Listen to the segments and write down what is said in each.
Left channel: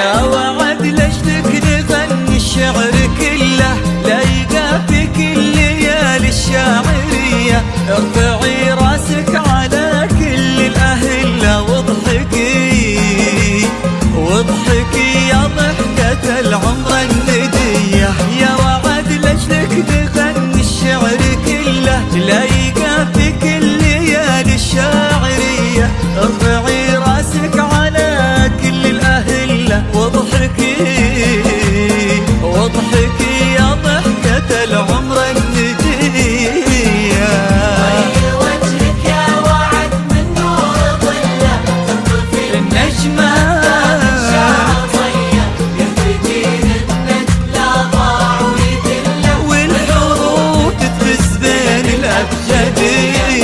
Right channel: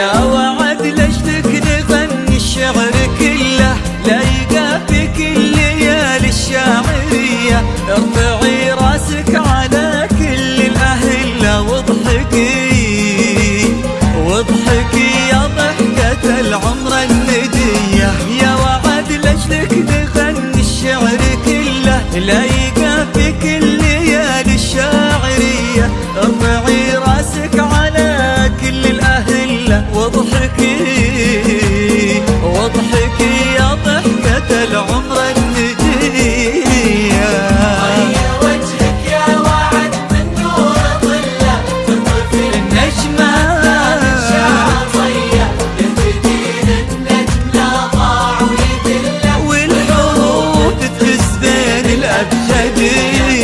يا وعد لجلك نغني الشعر كله، لايقى في كل ليالي الشاعرية. ارفعي راسك على كل الأهلة واضحكي واضحكي يا ضحكة العمر الندية. يا وعد لجلك نغني الشعر كله، لايقى في كل ليالي الشاعرية. ارفعي راسك على كل الأهلة واضحكي واضحكي يا ضحكة العمر الندية. وجهك يا وعد من نور ظله، تنظر في النجمة والحروف تفز بين الأبجدية.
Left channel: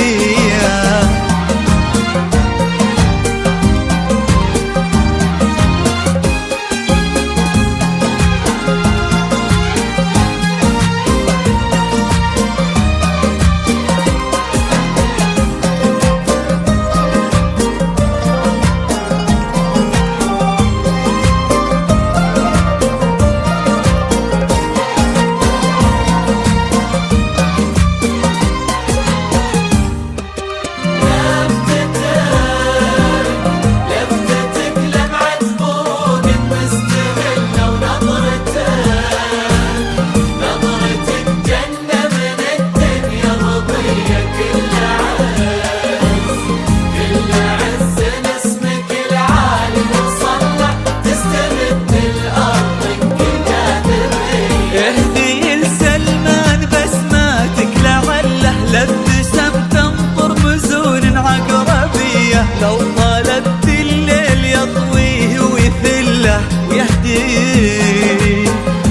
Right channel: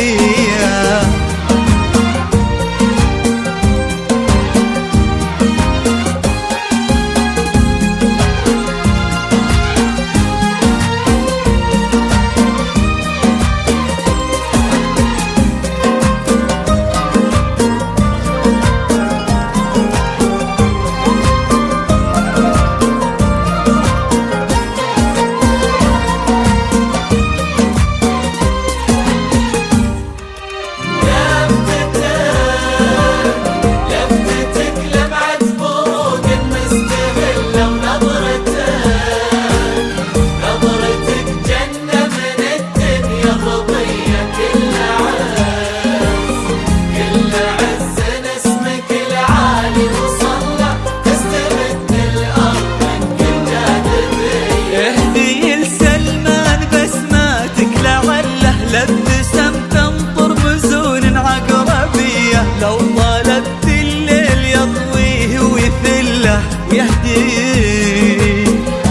اهدي لسلمان بسماتك لعله لابتسم تنطر مزون عقربية. لو طلبت الليل يطويه ويثله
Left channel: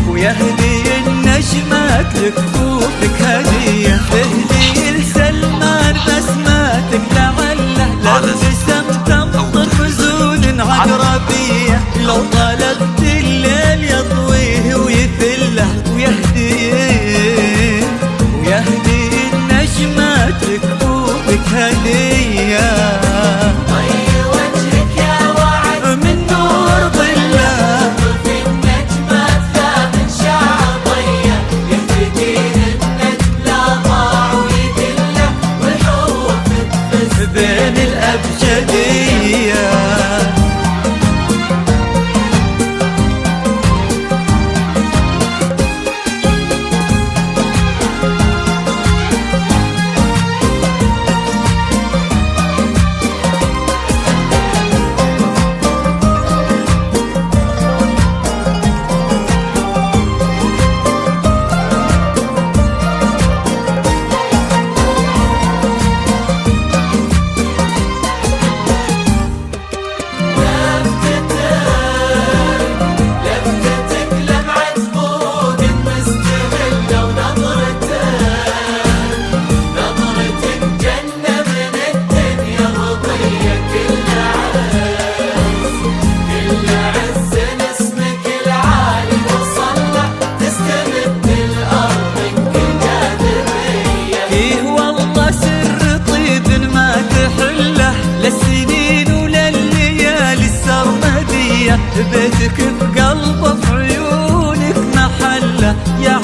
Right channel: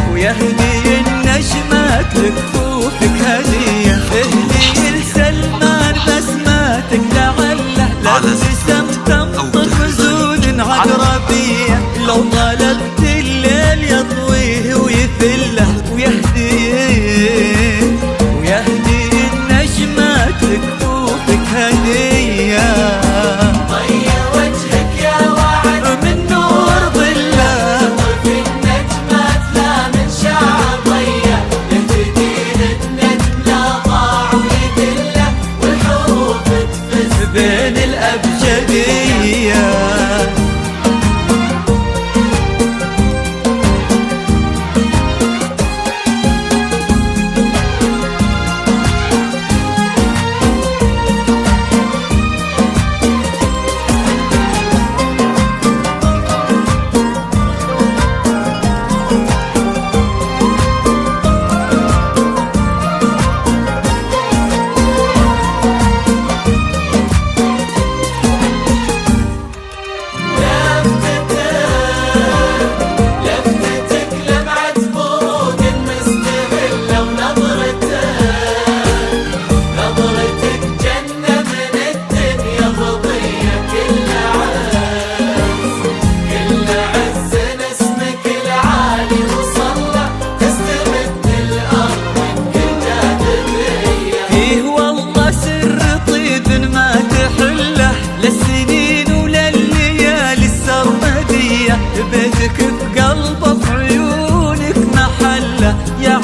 ويهدي النجمات لكفوفك هدية. اهدي لسلمان بسماتك لعله لابتسم تنطر مزون عقربية. لو طلبت الليل يطويه ويثله ويهدي النجمات لكفوفك هدية. وجهك يا وعد من نور ظله، في النجمات لا من شعر ضيه. الجديد النجم لا ضاع ويدله، والحروف تفز بين الأبجدية. لفتك لمعة فوق مستغلة، ونظرتك جنة من الدنيا مضية. كل عز اسمك العالي وصلى، تستبد الأرض كل جاذبية. فيه والله سر طيب ما تحله، للسنين ولليالي السرمدية. بيتك في قلبه في عيونك محله، يا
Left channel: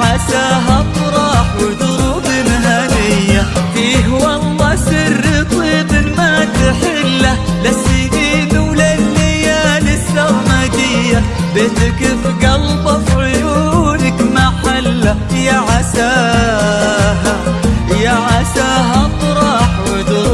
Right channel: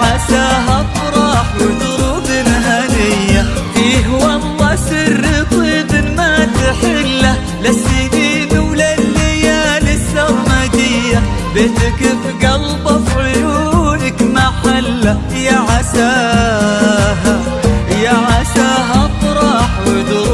عساها افراح ودروب هنية. فيه والله سر طيب ما تحله، للسنين ولليالي السرمدية. بيتك في قلبه في عيونك محله، يا عساها افراح ودروب